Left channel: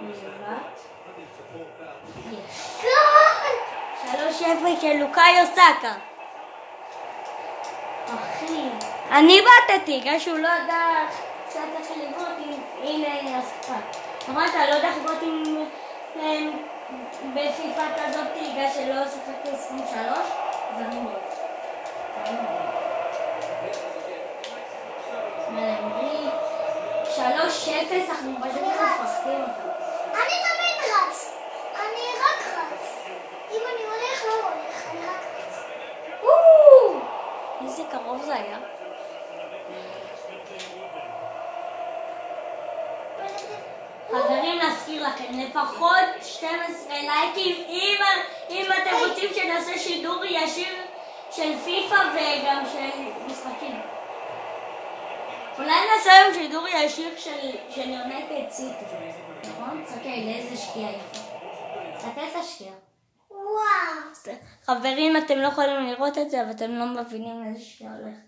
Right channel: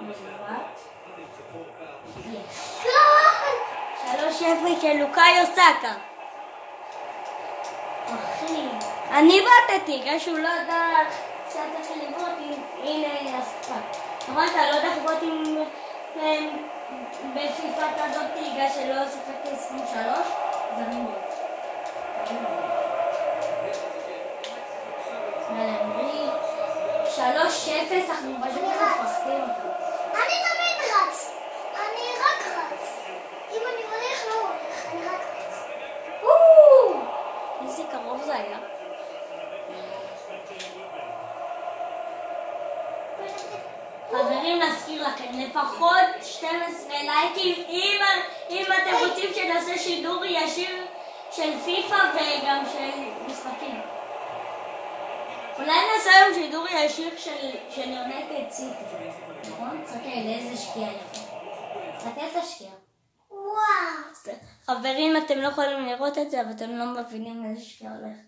לעומת 3-0 של לוקאיו סאקה. אחי, אני באתתי, כי שהוא לא יודע קצת איך לבנות. הנה הסקה. נכון, אתה לא יודע לבנות עם בפיפה כזאת תיגה שלא שיחקתי 23, אז אני מאוד. מלמרי 3-0, אנחנו פשוט מפרסקים אותו. אני תמיד רץ. אני רק רץ. אם אני הולך, לא הולך, אני רק רץ. איזה קרוב זה היה. חברים, נזכיר לכם, לפחות 12 לייקים אם אתם רוצים שנעשה שידור ישיר של פיפה וגם של משחקים. אולי נעשה היום שידור ישיר של יונקד סיטי. נכון? סתכל, לאיזה שקיעה יפה. סתכל תשקיע. וואו. חברים, אתם לא יכולים לראות את זה, אבל אתם לא מבינים איזה שקיעה הולך.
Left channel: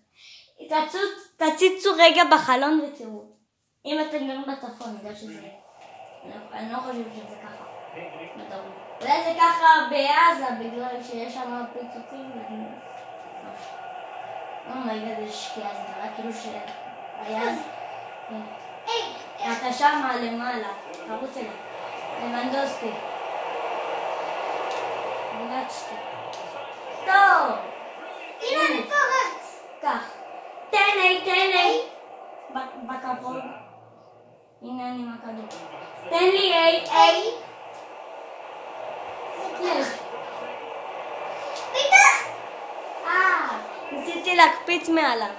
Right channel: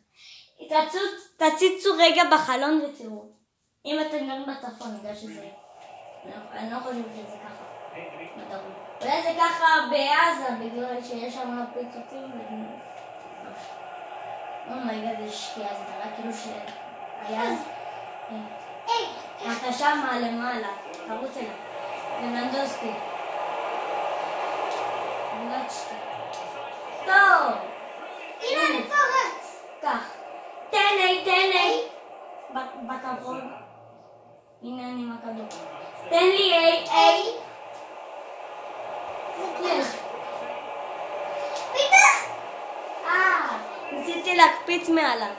תציצו רגע בחלון ותראו. אם אתם גרים בצפון, נדע שזה... אני לא חושב שזה ככה. אולי זה ככה בעזה, בגלל שיש שם פיצוצים. אומייגד, איזה שקיעה, זה נראה כאילו שהיה... אתה שמה למעלה, תרוץ אליו. למנדוסקי. גלצ'תי. טוב! הנה אני פה רץ. כך. תן בכבוד. הנה אני עם הכדור. תן לי איי. יש. פיתח! ניסיתי להקפיץ מעליו.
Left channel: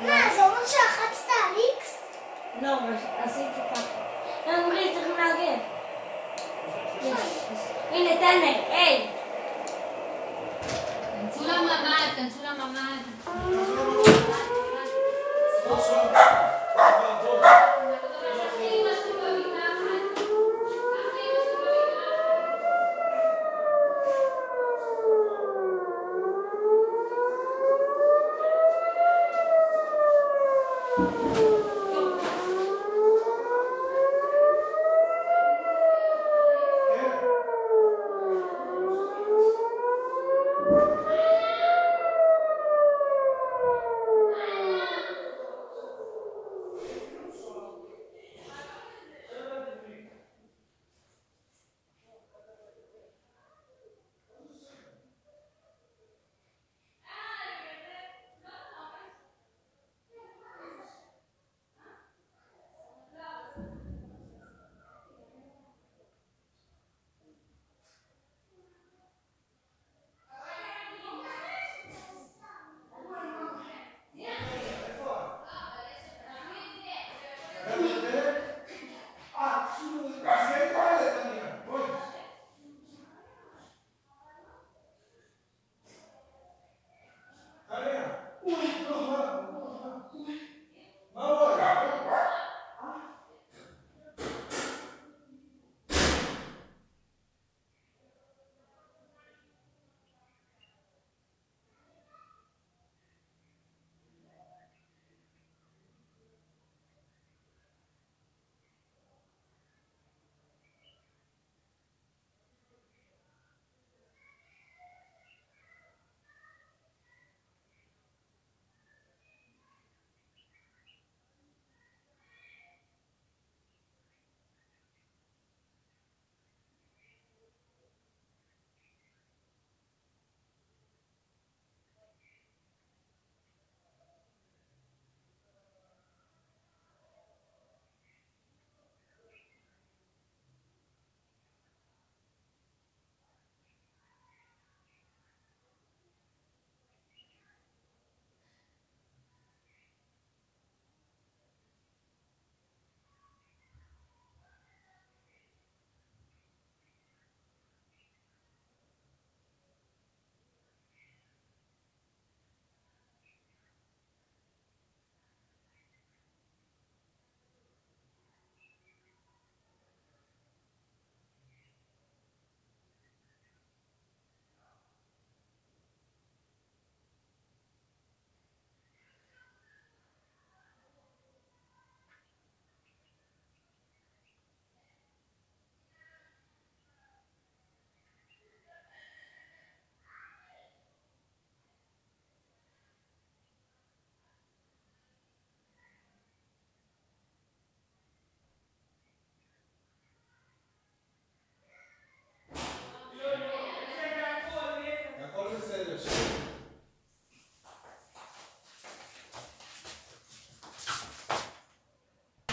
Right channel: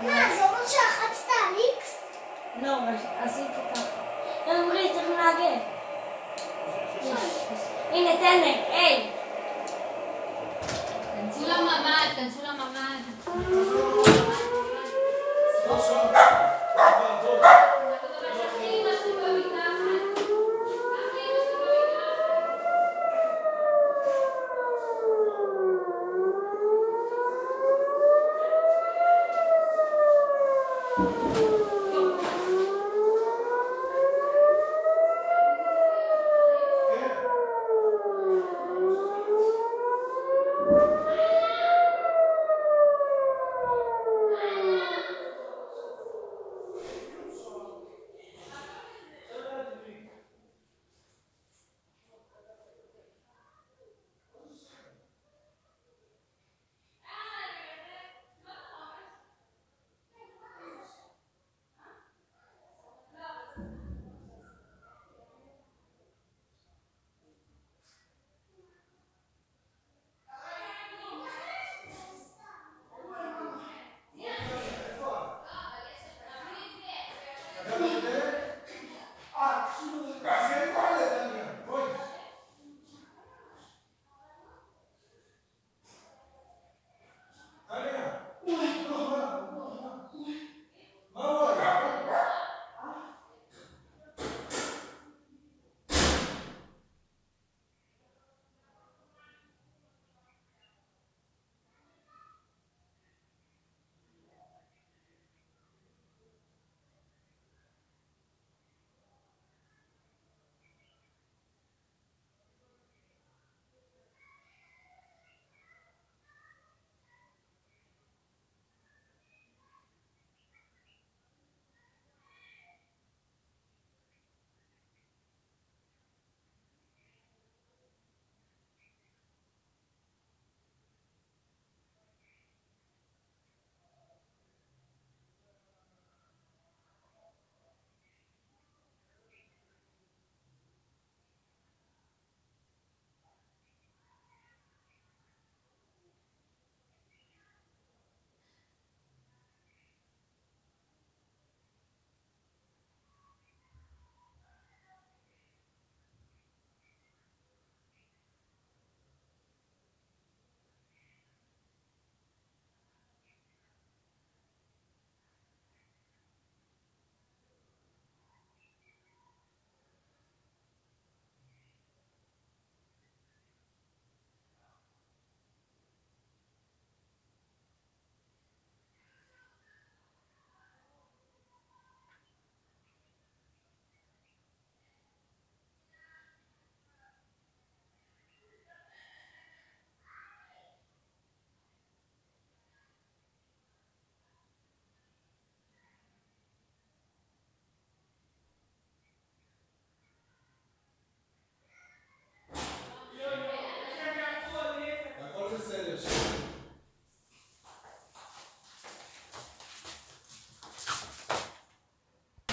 מה, זה אומר שלחצת על איקס? לא, עשיתי ככה. אמרי, צריכים להגיע. הנה, תן לי, איי. כנסו לממ"ד.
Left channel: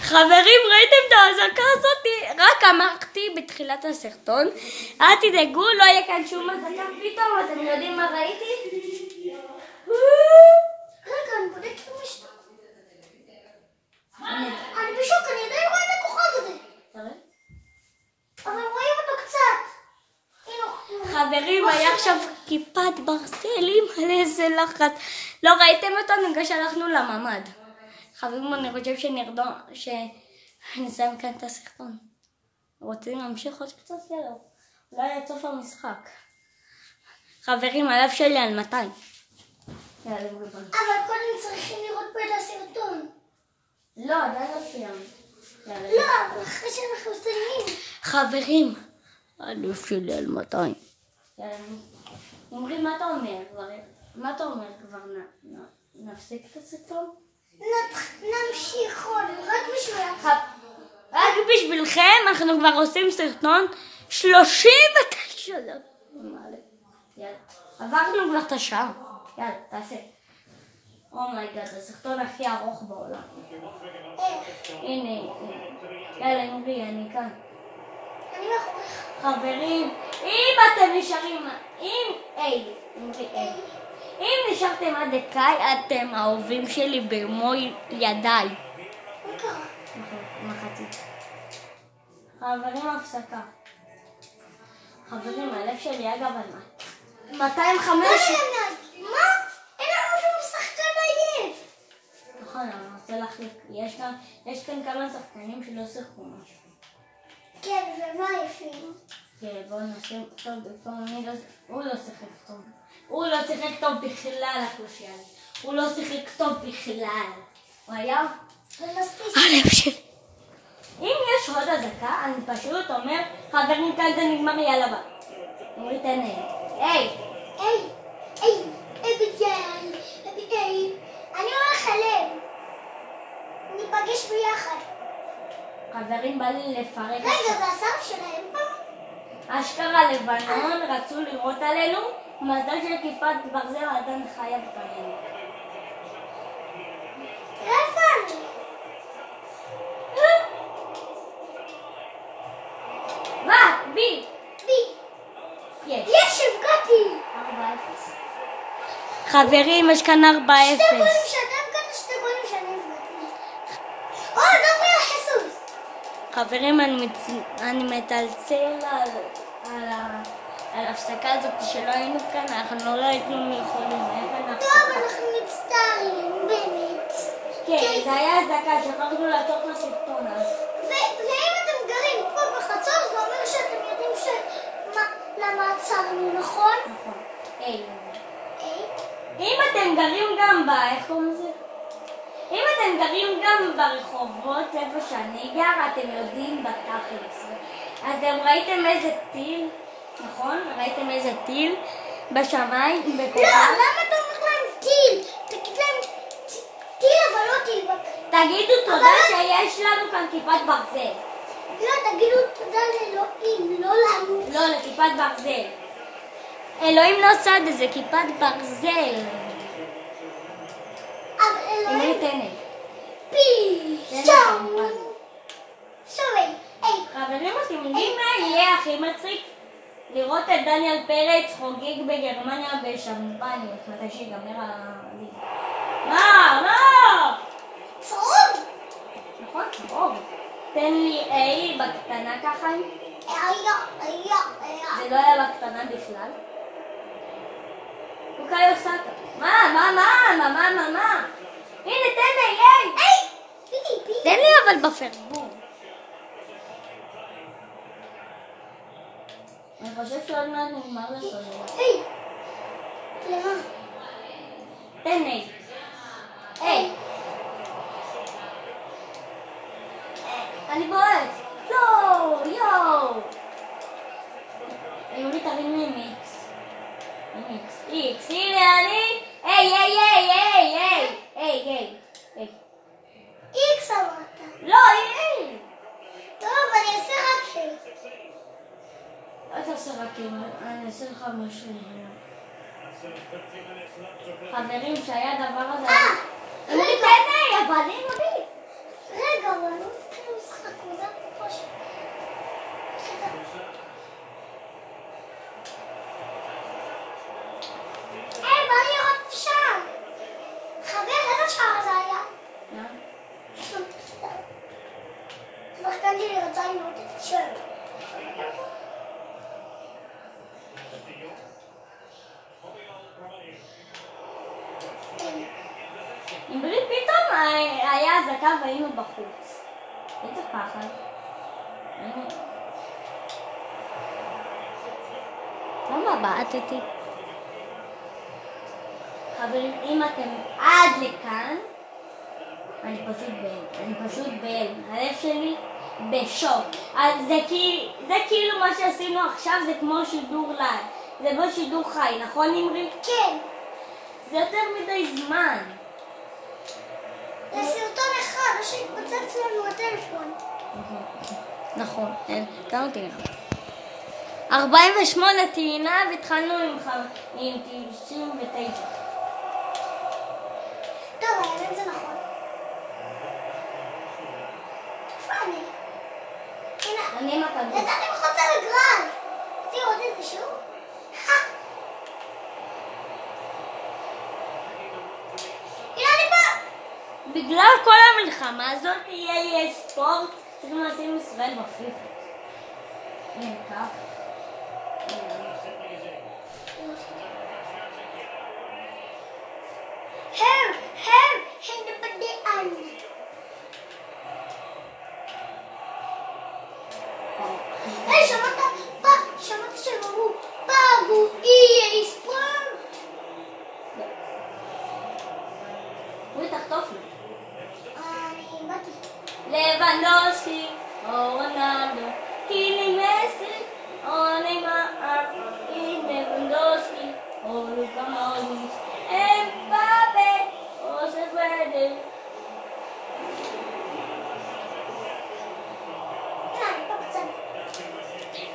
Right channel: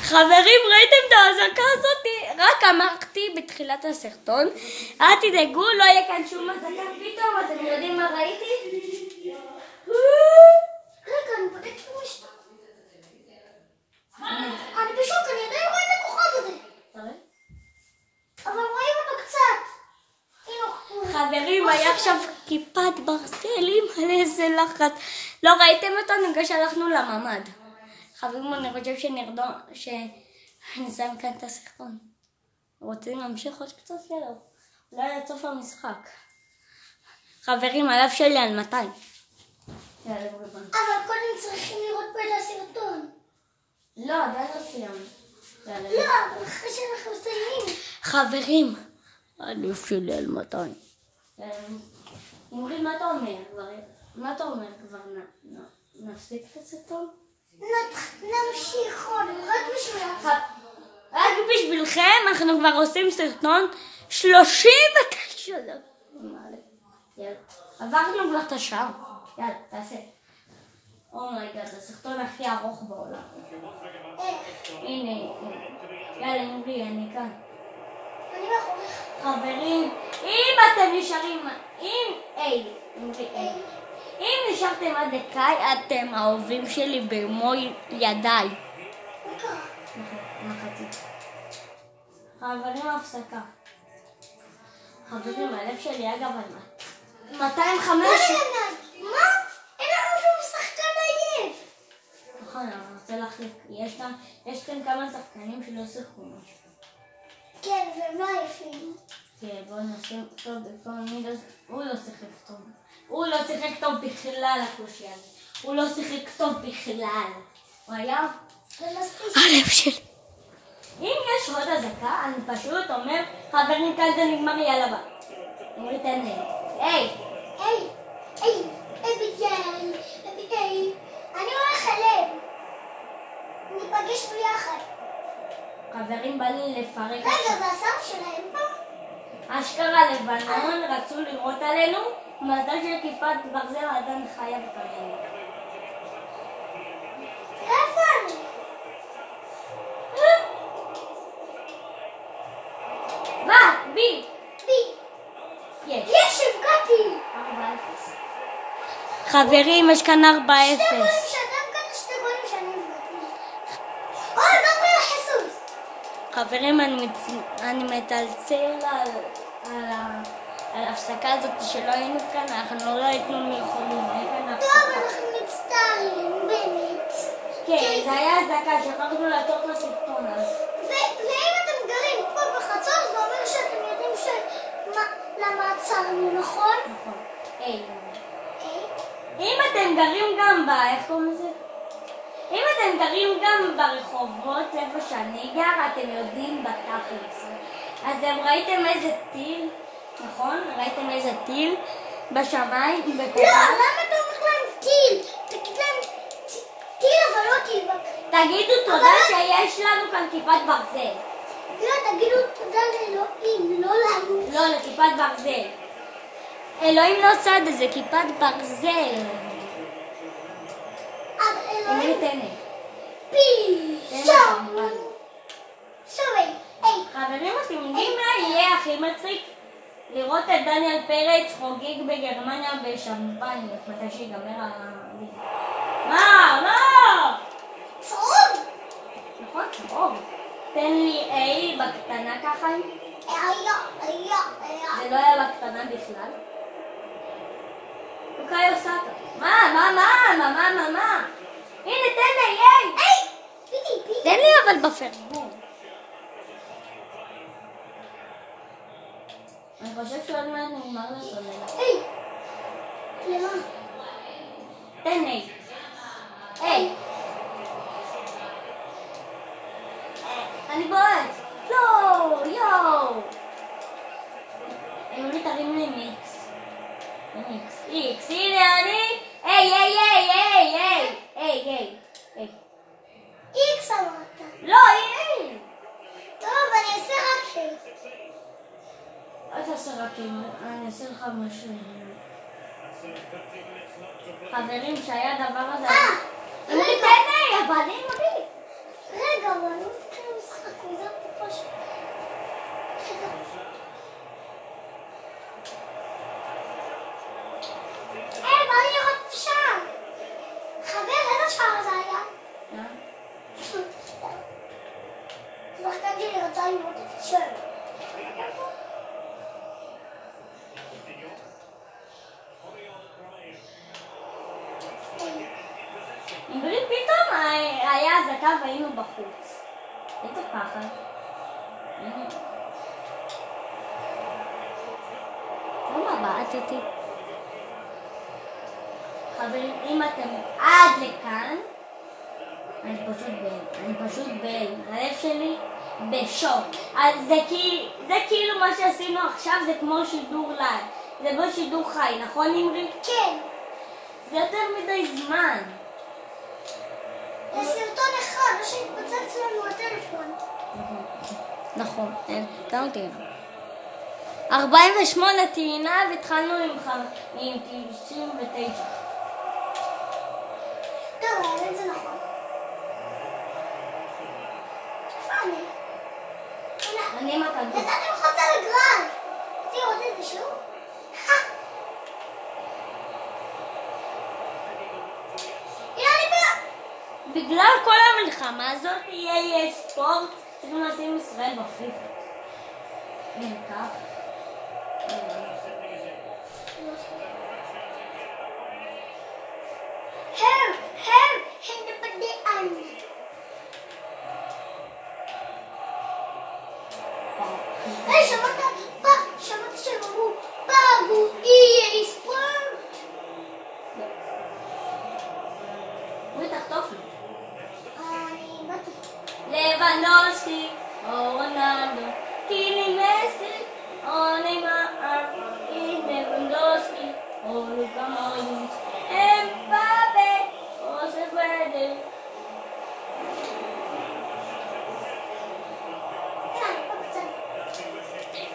חברים, ראיתם את האזעקה הזאת? רק אמרתי בתחילת הסרטון, אל תדאגו, לא יהיה כאן שום אזעקה פתאום, אתם יודעים מה ראיתי? רגע, אני בודקת במשפט. אני בשוק, אני עדיין רואה את הכוכב הזה. אבל רואים אותו קצת. חברים, היה עכשיו כיפת ברזלים על איזה לחץ. לא ראיתם אותנו כשהלכנו לממ"ד. חברים, אני חושב שנסיים כאן את הסרטון. רוצים להמשיך עוד קצת? יאללה. אולי עד סוף המשחק. חברים, הלב שלי על 200. אבל קודם צריכים לראות פה את הסרטון. לא, עדיין לא סיימנו. לא, אחרי שאנחנו מסיימים. חברים, הלב שלי על 200. אמרי, מה אתה אומר? מה אתה אומר כבר? נפסיק את הסרטון? נמשיך עוד, רק בשבילך. רק בשבילכם, אנחנו כבר עושים סרטון 39 דקות. יאללה, עברנו כבר את השעה. יאללה, תעשה. אומייגאד, הסרטון הכי ארוך בעולם. הנה, יאללה, אמרי, אני כאן. אני מאחוריך. חברים, אם אתם נשארים, אם נשארתם עד דקאי, אתם האהובים שלי במו ידיי. מחצית. חברים, הפסקה. חברים, הלב שלי אגב על 205. מה? אין לנו שום שחקן עייף. נכון, אני רוצה להחליק. יש כאן כמה שחקנים שלא שיחקו משהו. כן, ומה עייפים? כן, בואו נשים טוב בפעם. הוא לא שיחק טוב. הוא לא שיחק טוב בכלל, הקושיאל. הוא לא שיחק טוב בכלל. הוא היה? הלב שלי. אם יש עוד אזעקה, אני פשוט אומר, חברים, כאן זה נגמר, יאללה בה. אמרי, תן לי. היי! אביגיל, אני הולך אליהם. ניפגש ביחד. חברים, בא לי לפרק. רגע, זה השר שלהם פה? אשכרה לבנון רצו לראות עלינו, מזל של כיפת ברזל עדיין חיה בפנינו. איפה אני? מה? בי! יש, הבקעתי. 4-0. חברים, יש כאן 4-0. שתי גולים שאתם כאן, שתי גולים שאני הבקעתי. דובר חיסוס. חברים, אני מטלצל על ההפסקה הזאת שלא היינו כאן, אנחנו לא היינו יכולים. טוב, אנחנו מצטערים, באמת. כן, זה היה אזעקה, שכחנו לעצור את הסרטון אז. ואם אתם גרים פה בחצור, זה אומר שאתם יודעים למה עצרנו, נכון? נכון. אם אתם גרים גם איך קוראים לזה? אם אתם גרים גם ברחובות איפה שאני גר, אתם יודעים בתכלס. אתם ראיתם איזה טיל, נכון? ראיתם איזה טיל בשמיים, בכוכב? לא, למה אתה אומר להם טיל? תגיד להם טיל, אבל לא טיל. תגידו תודה שיש לנו כאן כיפת ברזל. לא, תגידו תודה לאלוהים, לא לנו. לא, לכיפת ברזל. אלוהים נוסד איזה כיפת ברזל. אמרי, תן לי. חברים, אתם יודעים מה יהיה הכי מצחיק? לראות את דניאל פרץ חוגג בגרמניה בשמפניות, מתי שיגמר הליגה. מה? צהוב! נכון, צהוב. תן לי A בקטנה ככה. זה לא היה בקטנה בכלל. אוקיי, עושה ככה. מה? הנה, תן לי, תן לי אבל בפרגון. אני חושב שעוד מעט נגמר לסוללה. למה? תן לי. אני בועט. יואו. אמרי, תרים לי מיקס. איקס, הנה אני. איקס אמרת. לא, טוב, אני אעשה רק שלי. אל תעשה רק אני אעשה לך משהו. חברים, שהיה הדבר הזה. אמרי, תן לי, אבל אמרי. רגע, אבל לי רצה ללמוד את השם. אמרי פתאום היה אזעקה והיינו בחוץ. איזה פחד. למה בעטתי? חברים, אם אתם עד לכאן, אני פשוט בהלם. הלב שלי בשוק. אז זה כאילו מה שעשינו עכשיו, זה כמו שידור לייב. זה לא שידור חי, נכון אמרי? כן. זה יותר מדי זמן. זה סרטון אחד, לא שהתפוצץ לנו הטלפון. נכון, תנו טעינה. 48 טעינה והתחלנו עם 99. טוב, האמת זה נכון. איפה אני? הנה. אני מכבי. נתתי מחוצה לגרל. תראו, עוד איזה שיעור. הנה אני בא. בגלל כל המלחמה הזאת יהיה ספורט, צריכים לשים ישראל בפיפ"א. הנה כך. הם בבדיען. היי, שמעת שהם אמרו, פאגו EA ספורט? הוא תחטוף לי. אני באתי. לבנדובסקי, או רונלדו, קיני מסי, או ניימאר, לבנדובסקי, או לוקה מודריץ', אמבאפה, או ספרדו.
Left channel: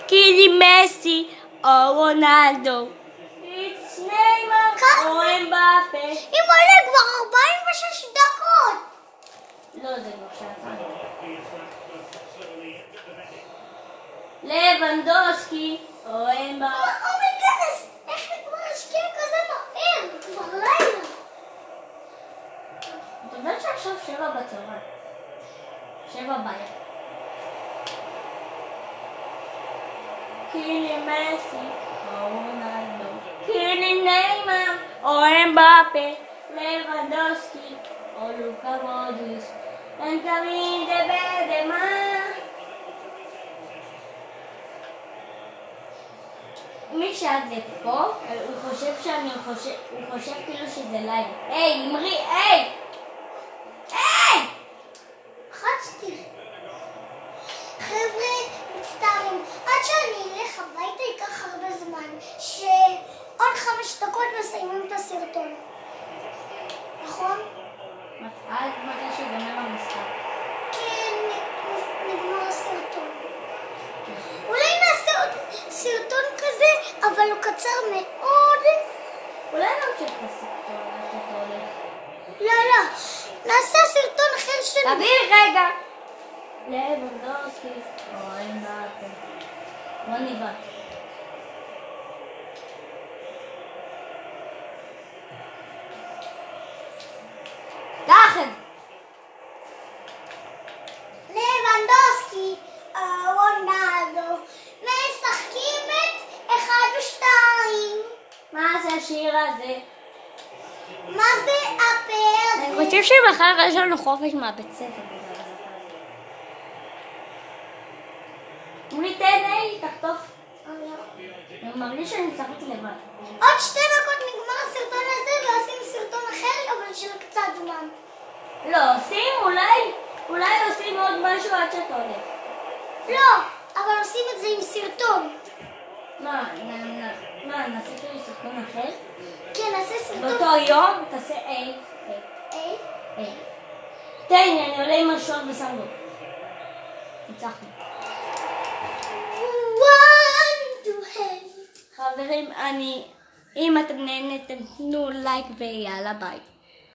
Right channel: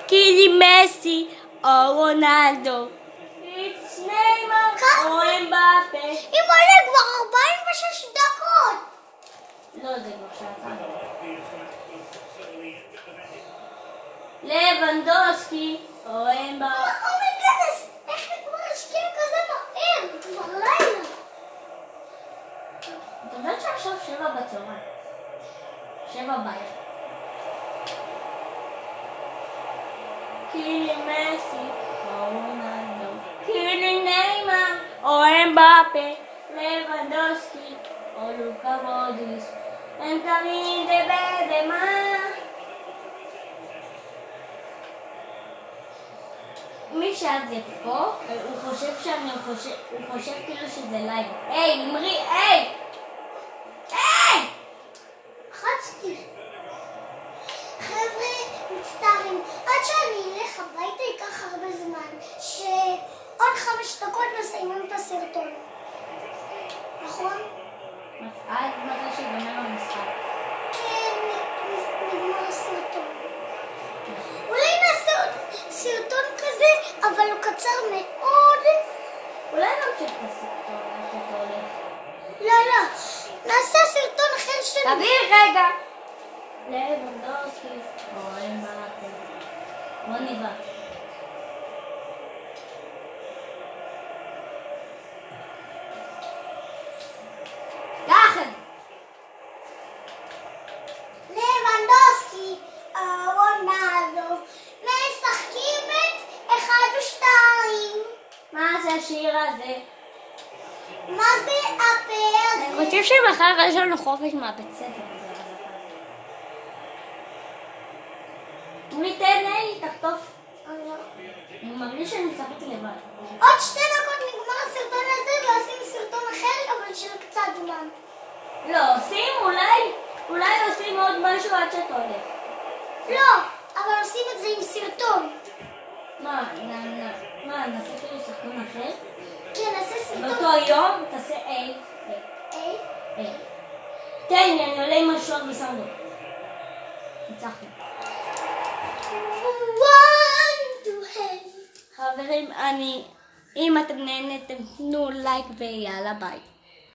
קיני מסי, או רונלדו, ניימאר, או אמבאפה. אימא'לה, כבר 46 דקות. לא, זה כבר שעתיים. לבנדובסקי, או אמבאפה. אומייגאד, איך כבר השקיע כזה מהר? כבר לילה. אתה יודעת שעכשיו 7 בצהריים. 7 בערב. קיני מסי, או רונלדו, קיני ניימאר, או אמבאפה, לבנדובסקי, או לוקה מודריץ', הם תמיד בדמה. מי שעד לפה, הוא חושב כאילו שזה לייב. היי, אמרי, היי! היי! חצתי. חבר'ה, מצטערים. עד שאני אלך הביתה ייקח הרבה זמן. שעוד 5 דקות נסיימים את הסרטון. נכון? עד מתי שיגמר המשחק. כן, נגמר הסרטון. אולי נעשה עוד סרטון כזה, אבל הוא קצר מאוד. אולי נמשיך את הסרטון, עד שאתה הולך. לא. נעשה סרטון אחר של... תביא רגע! לבנדובסקי, או אמבאפה. בוא ניבא. לחם! לבנדובסקי, רונלדו, משחקים את 1 ו-2. מה זה השיר הזה? מה זה הפה הזה? אני חושב שמחר יש לנו חופש מהבית ספר. אמרי תן לי, תחטוף. אני מרגיש שאני משחקת לבד. עוד 2 דקות נגמר הסרטון הזה ועושים סרטון אחר, אבל של קצת זמן. לא, עושים אולי עושים עוד משהו עד שאתה הולך. לא, אבל עושים את זה עם סרטון. מה, נעשה כאילו סרטון אחר? כן, נעשה סרטון. באותו יום תעשה איי. תן לי, אני עולה עם השעות ושם בו. ניצחנו. חברים, אם אתם נהנתם, תנו לייק ויאללה ביי.